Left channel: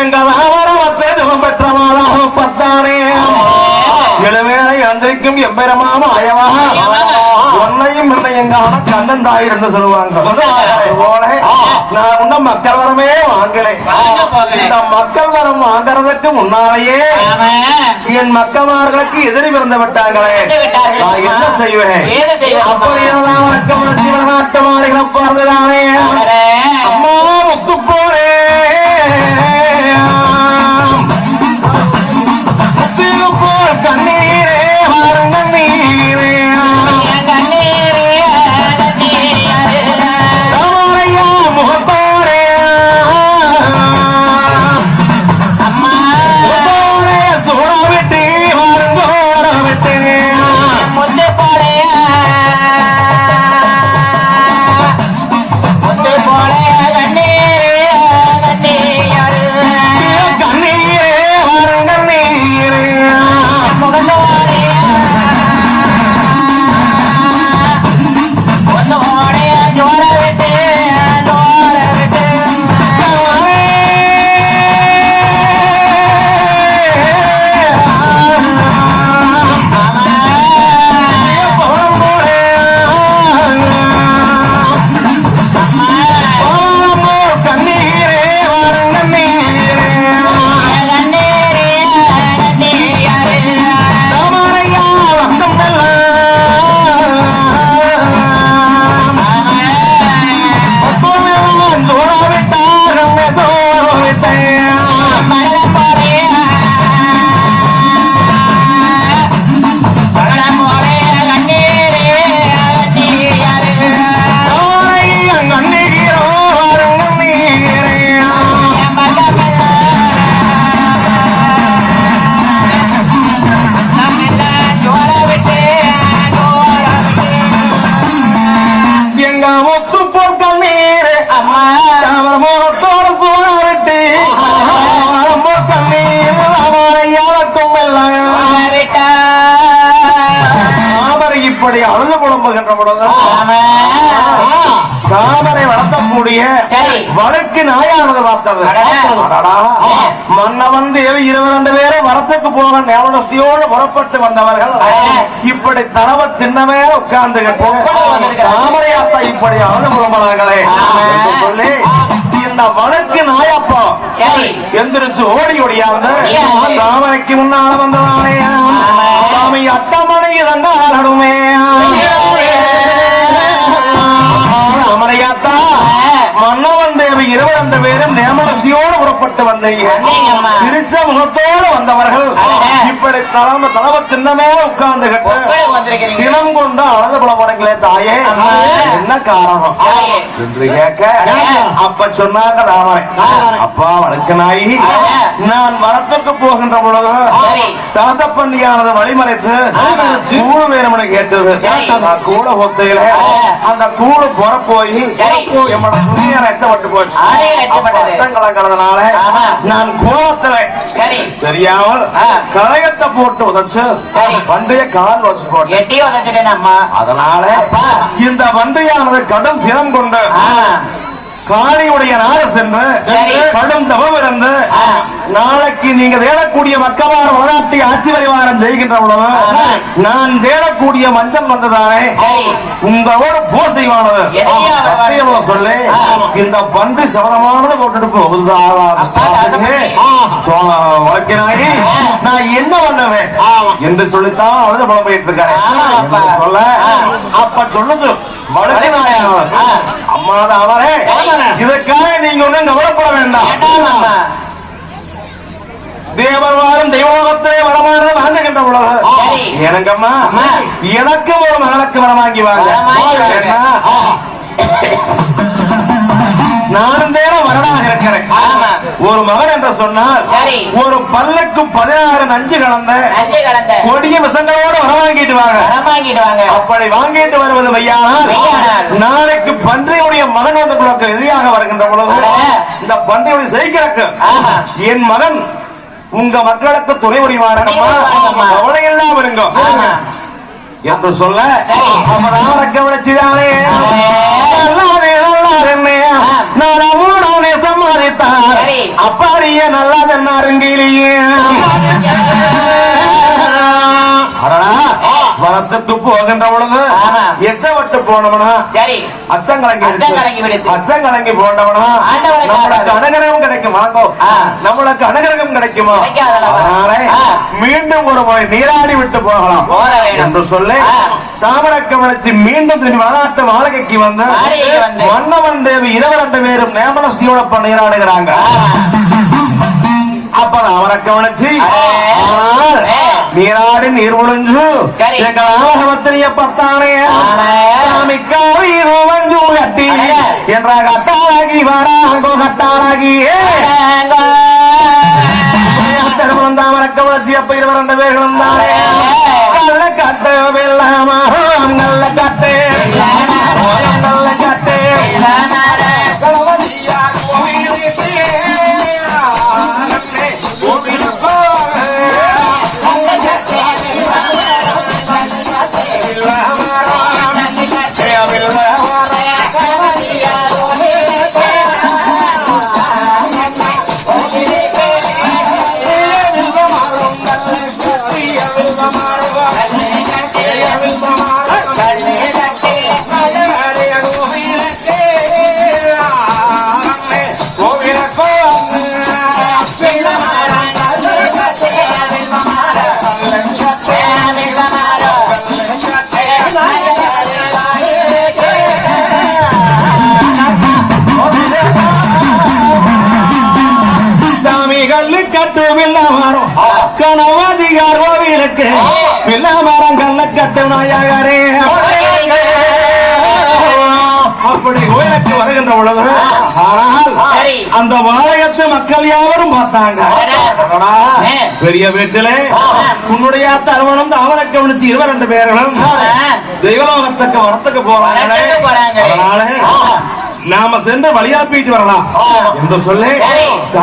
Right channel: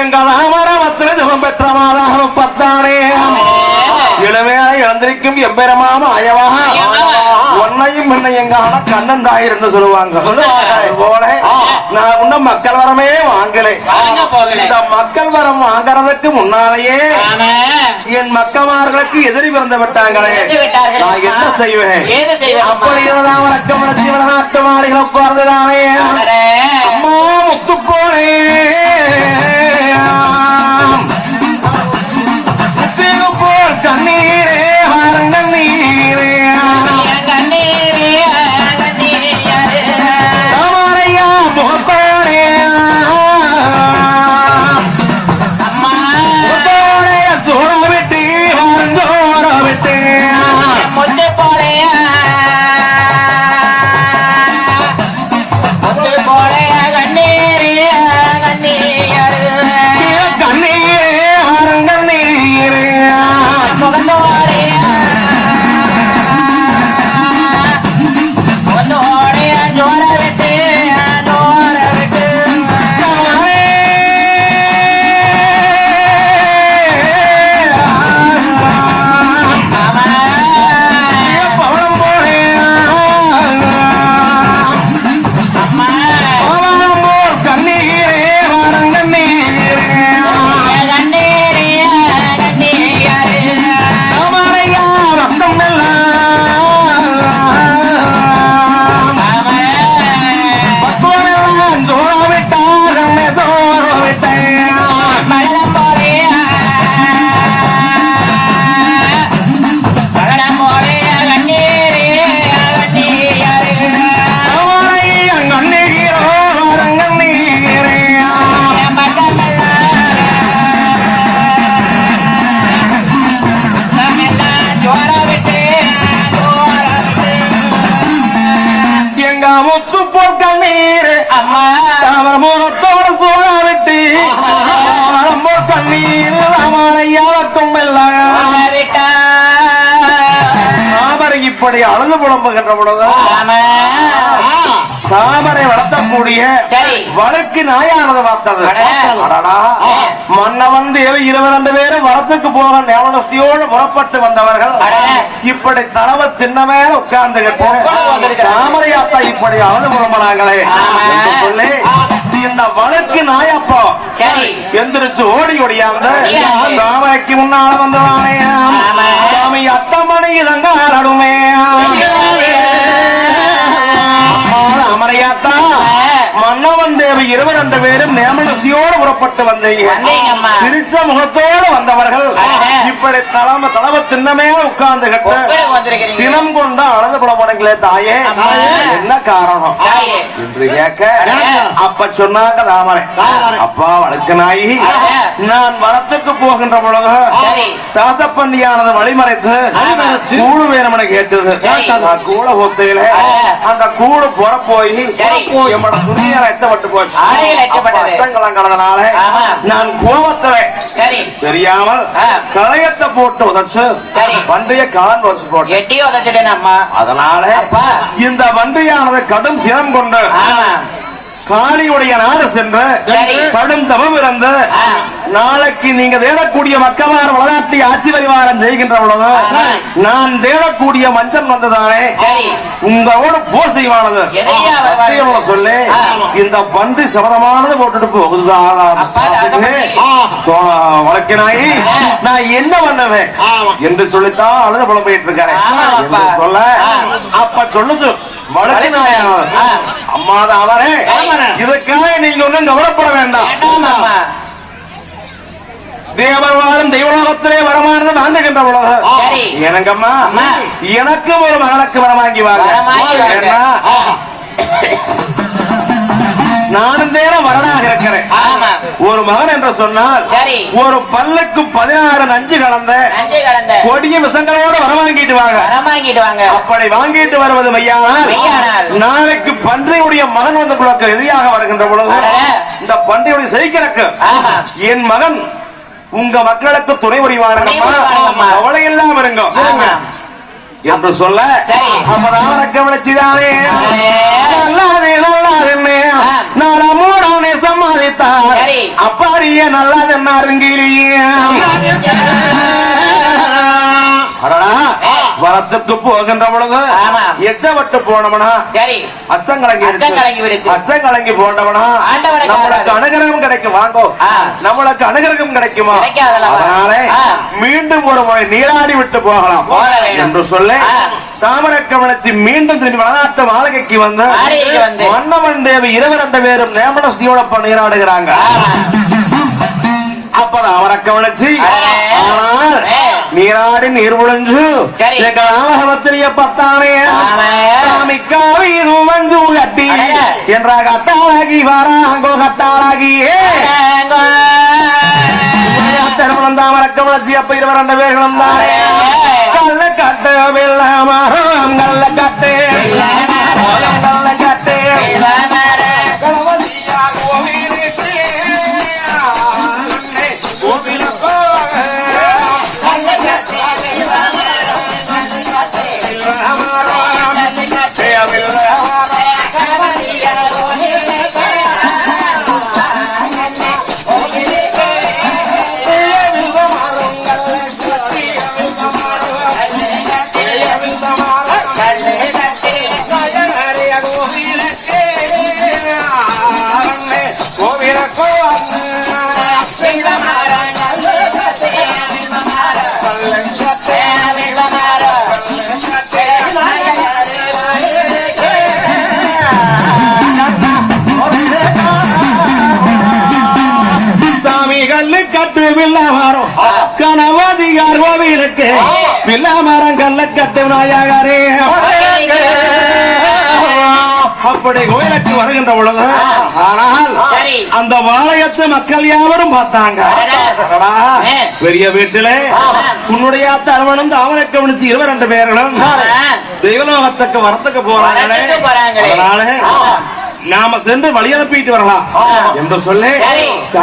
எங்கள் ஜபம் பெற்றவாளாக பத்தானே எழுமையாய் அந்திரிக்கும் எம்பெருமாம அயமாக ஒன்னையும் எங்க கண்ணன் தாயர் என்று சொல்லுவாங்க. நான் இன்னும் மக்கள் வரமே வாங்கலை. இந்த மக்கள் வரம் வாங்கறதுக்கு முன்னாலேயே என் மக்கமார்களுக்கு எதிரி பிறந்து விட்டாங்களே, நான் என்ன செய்வேன்? அப்படி வணக்கம் வணக்கமாரிகளை பார்த்துதானே அம்மா முத்துப்போரே கண்ணீரே கண்ணீரே இப்படி அழுது புலம்புகின்ற பொழுதுதான் தாமரை வளர்த்தக்கூடிய வழக்கு நாயானது பார்த்தது. மன்னவன் தேவை 22 பேரை வரத்துக்கு போக ஞாபகஸ்தியோடு புறப்பட்டு வந்தவர்கள் இப்படி தளவ தின்ன மேல உட்கார்ந்துகிட்டு தாமரையாத்தா இப்படி அழுது புலம்புறாங்களே என்று சொல்லி இந்த வழக்கு நாயப்பா எந்திரிச்சு ஓடி ஓடியாந்து தாமரைக்கு முன்னால வந்தவனே சாமி அத்தமணி இதங்காரடுமே மன்னவன் தேவி 22 பேரும் நேமலசியோடு புறப்பட்டு வந்தீங்க. சிரிச்ச முகத்தோடு வந்தவர்கள் இப்படி தளவ தின்னமே உட்கார்ந்து சினம் கொண்டு அழகு புலம்புறீங்களே தாயே, என்ன காரணம் என்று கேட்க அப்ப சொன்னாங்க தாமரை, அப்பா வழக்கு நாயி, நான் வரத்துக்கு போகின்ற பொழுது தாத்தப்பண்டியானது வழிமறைத்து கூடு வேணும்னு கேட்டது. நான் கூட ஒத்தையில அந்த கூடு போட போய் என்னோட புண்ணிய ரச்சப்பட்டு போச்சு. கலக்கிறதுனால நான் கோபத்துல தெரியாமல் களையத்தை போட்டு உதச்சு வண்டிய கால் வச்சு போட்டேன். அதனால இந்த வண்டியானது கடும் சினம் கொண்டு சாணியுடைய நாடு சென்று கடும் தவம் இருந்து நாளைக்கு நீங்க தேடக்கூடிய மக்கமார் வளநாட்டை ஆட்சி பரிவாரம் செய்கின்ற பொழுது நான் தேடக்கூடிய மஞ்சள் வந்ததானே உங்களோட போர் செய்வானது சொல்லி இந்த பண்டு சபதமானது போட்டுட்டு போகுதுதான் வழக்கினாயி நான் என்ன பண்ணுவேன் என்று சொல்லித்தான் அழுத புலம்பிட்டு இருக்காரு சொல்ல அப்ப சொல்லுது வழக்கு நாயானது அம்மாதான் அவனே, இதற்காக நீங்க ஒன்னும் கவலைப்பட வேண்டாம். தேவவாரம் தெய்வலோகத்திலே வரமானது வாழ்ந்துகின்ற பொழுது எனக்கம்மா எனக்கு ஒரு மகளுக்கு வரமாங்கி வாங்க. நானும் தேன வரனாக இருக்கிறேன். ஒரு மகன் என்று சொன்னால் ஒரு பல்லுக்கு 16 நஞ்சு கலந்த கொடிய விசங்களோடு வர வாங்கிட்டு வாங்க. அப்படி வாங்கிட்டு வருவது வையா, நாளைக்கு பன்றியுடைய மகன் வந்து உங்களுக்கு எதிராக வருகின்ற பொழுது இந்த பன்றியுடைய செய்கிறக்கு என் மகன் உங்க மக்களுக்கு துணை புரிவாருங்கம்மா, கவலை எல்லாம் வருங்க என்று சொல்ல கவனிச்சுதானே சம்மதித்தார் கிளியே நல்லது நறுங்கிலியே வரத்துக்கு போகின்ற பொழுது எச்சப்பட்டு போனவனா அச்சங்கலங்கி போனவனா நம்மளுக்கு அனுகிரகம் கிடைக்கும் வாங்கோ நம்மளுக்கு அனுகிரகம் கிடைக்குமா மீண்டும் ஒரு முறை நீராடி விட்டு போகலாம் என்று சொல்லி தாமரக்கமலச்சி மீண்டும் திரும்பி வளநாட்டு மாளிகைக்கு வந்து மன்னவன் தேவி 22 பேரும் நேமனஸ்தியோட நீராடுகிறாங்க. அப்புறம் அவரை கவனிச்சு நீராடி நீர் முழஞ்சு எங்கத்திரிய பத்தானே சாமிக்காவி மஞ்சு கட்டி என்ற கட்டாளகி வராங்கோ கட்டாளகி திருமணம் தாமரக்கம் வளர்ச்சி அப்ப 22 பேர்களும் தானே நல்ல கட்ட வெள்ளாமா நல்ல கட்டு நல்ல கட்டு அப்படி கோயிலுக்கு வருகின்ற பொழுது ஆனால் அந்த வாழையத்தை மக்கள் யாவரும் பார்த்தாங்க. பெரிய வீட்டிலே உன்னுடைய தருமணம் தாமரைக்கு முடிச்சு 22 பேர்களும் தெய்வலோகத்துக்கு வரத்துக்கு போறாங்களே நாம சென்று வழி அனுப்பிட்டு வரலாம் என்று சொல்லி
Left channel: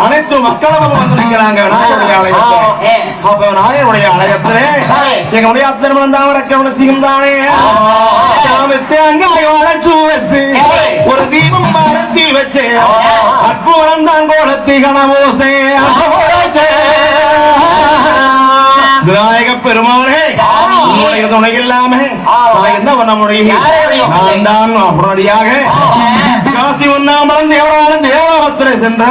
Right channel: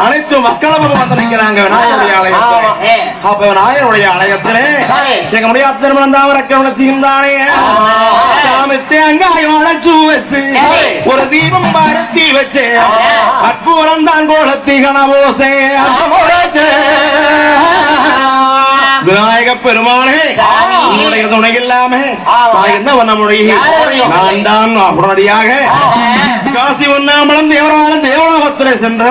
அனைத்து மக்களும் வந்திருக்கிறாங்க விநாயகருடைய ஆலயத்தில். அப்ப விநாயகருடைய ஆலயத்திலே எங்களுடைய திருமணம் தாமரைக்கு முடிச்சியும் தானே சாமி தேங்காய் உடைச்சு வச்சு ஒரு தீபம் பழத்தி வச்சு கற்பூரம் தான் கோலத்தி கனவோசே விநாயக பெருமானே உன்னுடைய துணை இல்லாம என்ன பண்ண முடியும்? நான் தான் உடனடியாக காசி உண்ணாமலும் தேவராலும் தேவலோகத்திலே சென்று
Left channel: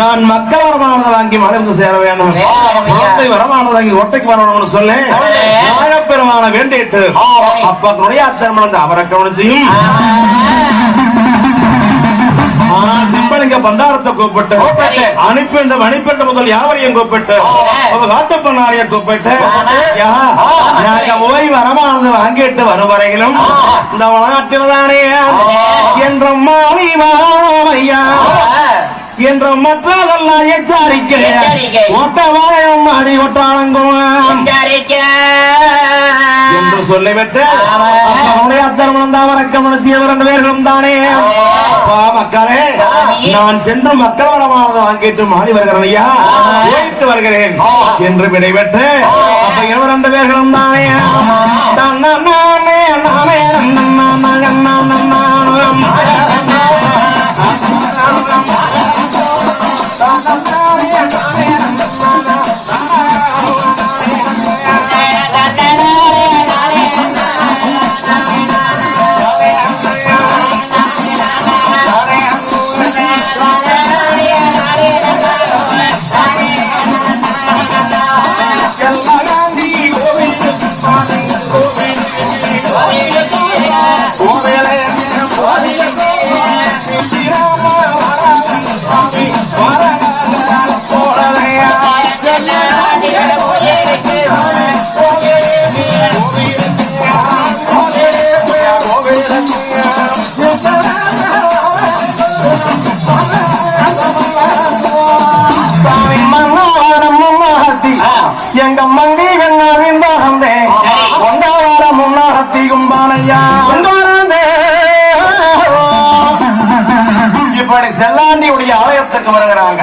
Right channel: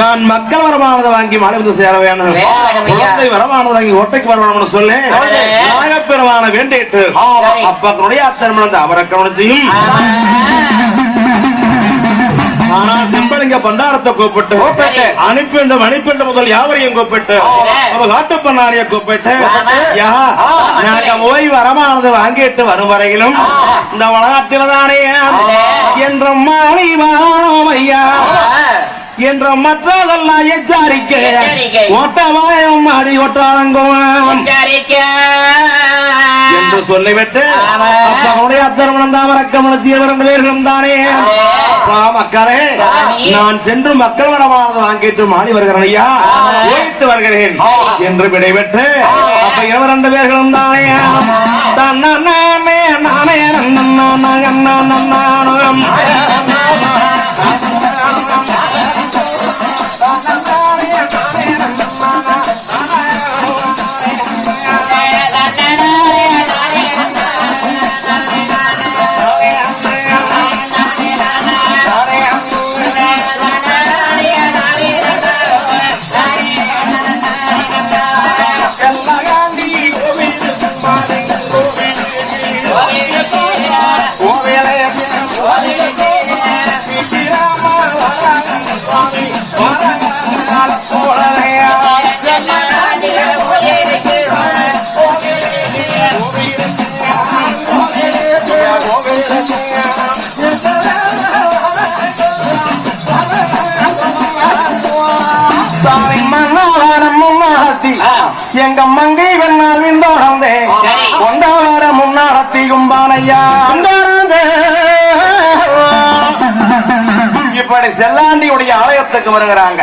நான் மக்கள் வரமானதை வாங்கி மலைந்து சேர வேணும், குளத்தை வரமானதை வாங்கி ஒட்டைக்கு வர வேணும்னு சொல்லி நாகப்பெருமான வேண்டிட்டு அப்ப துணையா திருமணம் அவரை கவனிச்சியும் சிம்பளிங்க பண்டாரத்தை கூப்பிட்டு அனுப்பிண்டு மணிப்பெண்டு முதல் யாவரையும் கூப்பிட்டு காட்டு பண்ணாரிய கூப்பிட்டு நாங்க போய் வரமானது வாங்கிட்டு வரும் வரையிலும் இந்த வளநாட்டில்தானே என்ற மாணி ஐயா என்ற மற்றதெல்லாம் எச்சரிக்கை ஒட்டவாயம் அடி ஒட்டாளங்குவான் என்று சொல்லிவிட்டு திருமணம் தாமரக்கம் 22 பேர்களும் தானே மக்களே நான் சென்று மக்கள் வரமானது வாங்கிட்டு மாறி வருகிறேன் ஐயா போயிட்டு வருகிறேன் என்று விடைபெற்று அப்ப 22 பேர்களும் தானே எங்க மங்கி வெண்ணே கொண்டாட முன்னாடி கும்பானையா இப்படி செல்லாண்டியுடைய ஆலயத்துக்கு வருகிறாங்க.